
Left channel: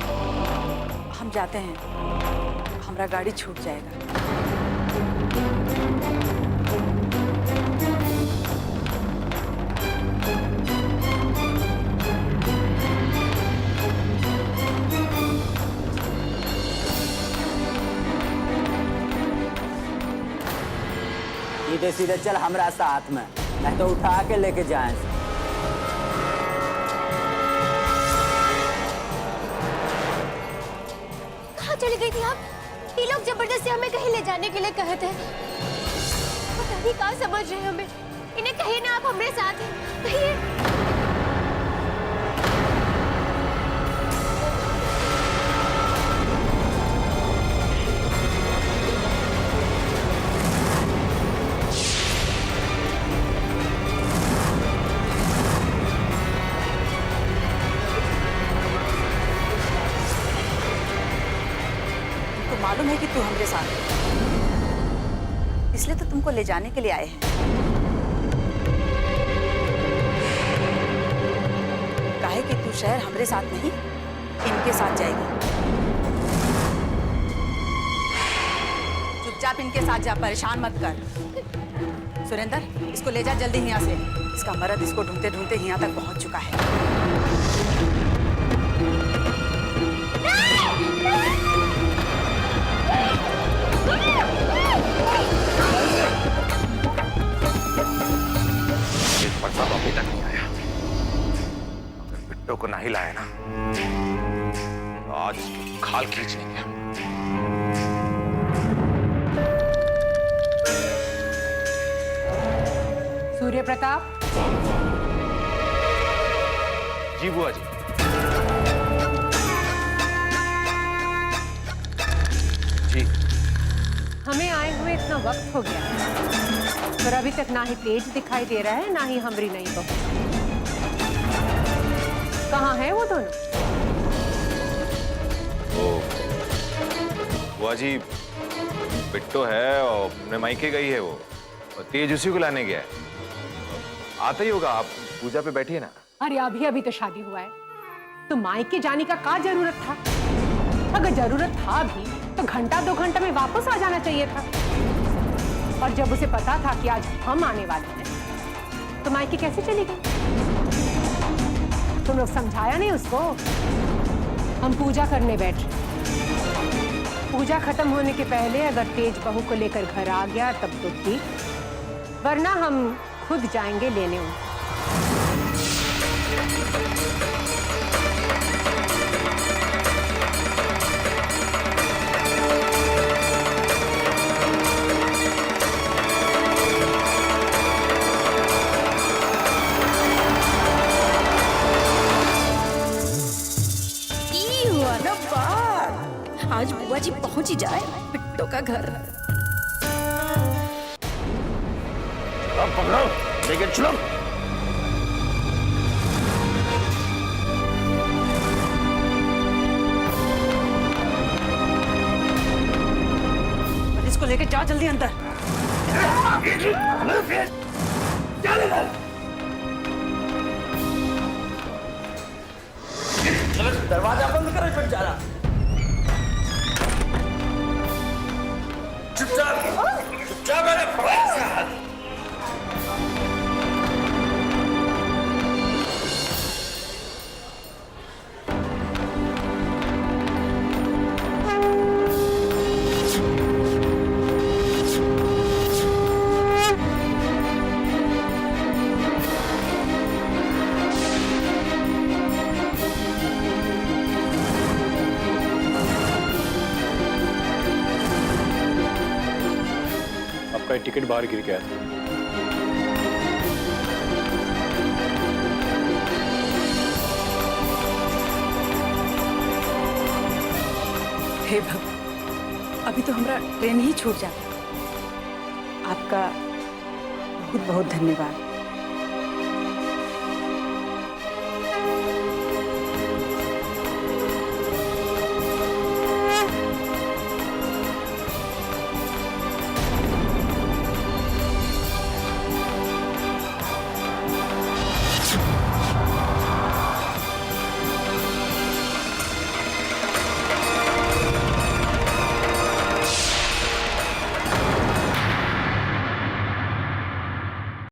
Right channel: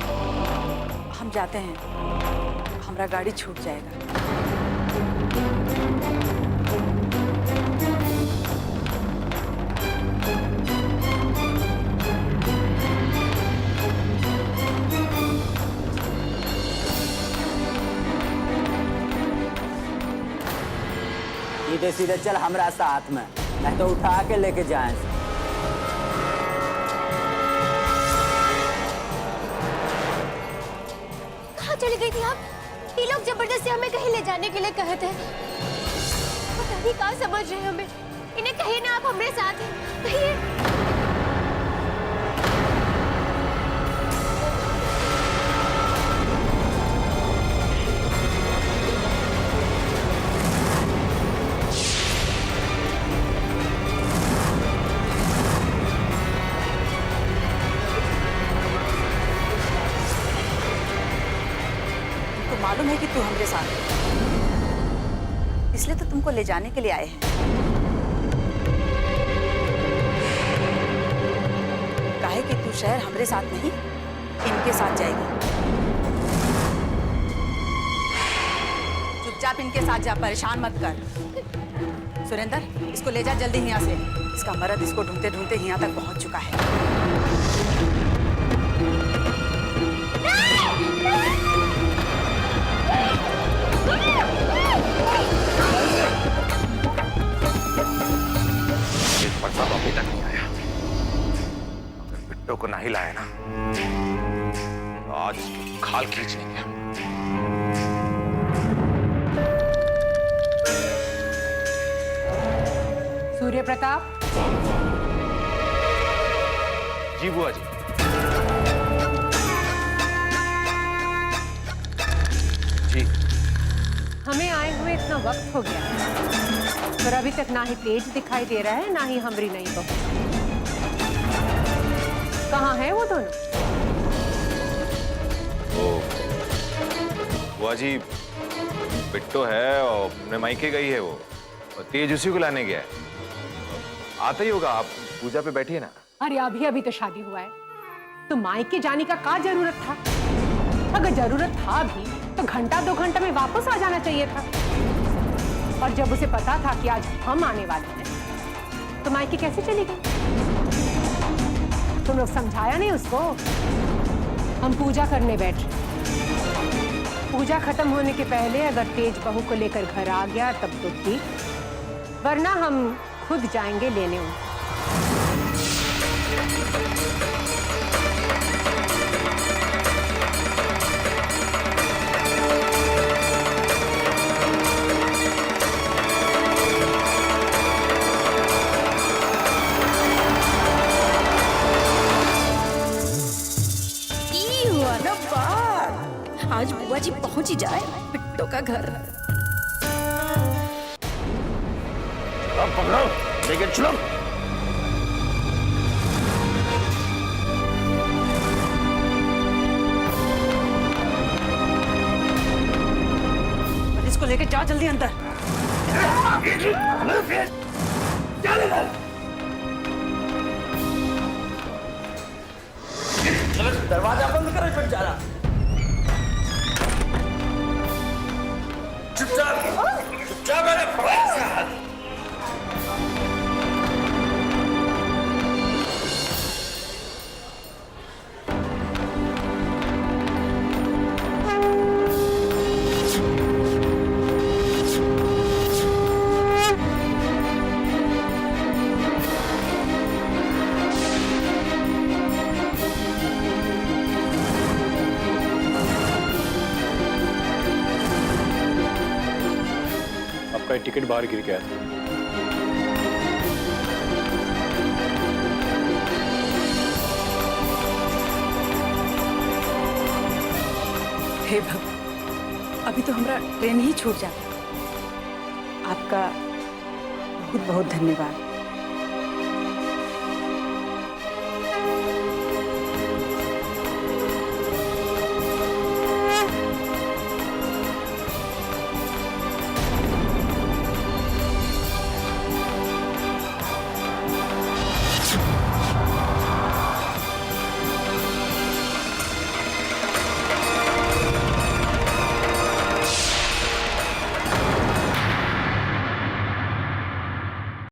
हम जाते हैं, हमारा गाड़ी छूट जाएगा। सीधे सीधे चल हमारा साथ में, नहीं तो उठा के लेके जाए। चली गई थी आप? ये लोग जबरदस्ती हमें कहीं ले जाने के लिए कहते हैं। पता नहीं कहाँ समझ रहे हैं हमें। इन्हें कहिए ना आप हमारे साथ हैं, कहिए। मालूम है कि तू हमारे साथ है, इसलिए तो तुमको ले जाने के लिए आए हैं। काहे कि तू शहर हमारे साथ नहीं, इनके साथ जाएगी। चुपचाप इनके साथ जा, परेशान मत कर। सुरेंद्र, इसको ले जा जल्दी यहाँ से। इसका मर्द इसको ढूंढते ढूंढते यहाँ तक पहुँच चुका है। प्रताप अभी तक नहीं आया। अगर बिट्टो को नहीं लाया ना, तो आज इसकी खाल खींच लेंगे हम। सूर्य प्रताप। जी बुआ जी। जी। हमें आए हुए इतना वक्त हो गया है, पर अभी तक ना ही तेज दिखाई दे रहा है, ना ही हमरी नई बहू। कहाँ है वो दोनों? बुआ जी, बिट्टो है और अपने मायके गई है वो, और तेज उसी को लाने गया है। आता ही होगा, आप पूजा पे बैठिए ना। अरे अभी अभी तो शादी हुआ है, तो मायके जाने का क्या जरूरत था? अगर जरूरत था भी तो घंटा 2 घंटा में वापस आ जाना चाहिए था। और जब उसे पता था कि आज हम आने वाले हैं, तो मायके कैसे चली गई? तुम लोग समझाया नहीं उसको? हम पूजा करने बैठ रहे। पूजा खत्म होने के पहले अगर तेज बहू को लेकर घर आ गया तब तो ठीक, वरना हम खुद जाएंगे लेने उनको। आज बुआ जी पहुंच ही जाए बिट्टो का घर। अब पकड़ो, लेकिन चलो। इसको लेके जाओ जल्दी अंदर। दरवाजा बंद करो, छुट जाना। चुपचाप मैंने टिकट बाहर गिर गया था। हे भगवान, अभी तो हमारा ट्रेन ही छूट जाता। आपका बहुत बहुत धन्यवाद।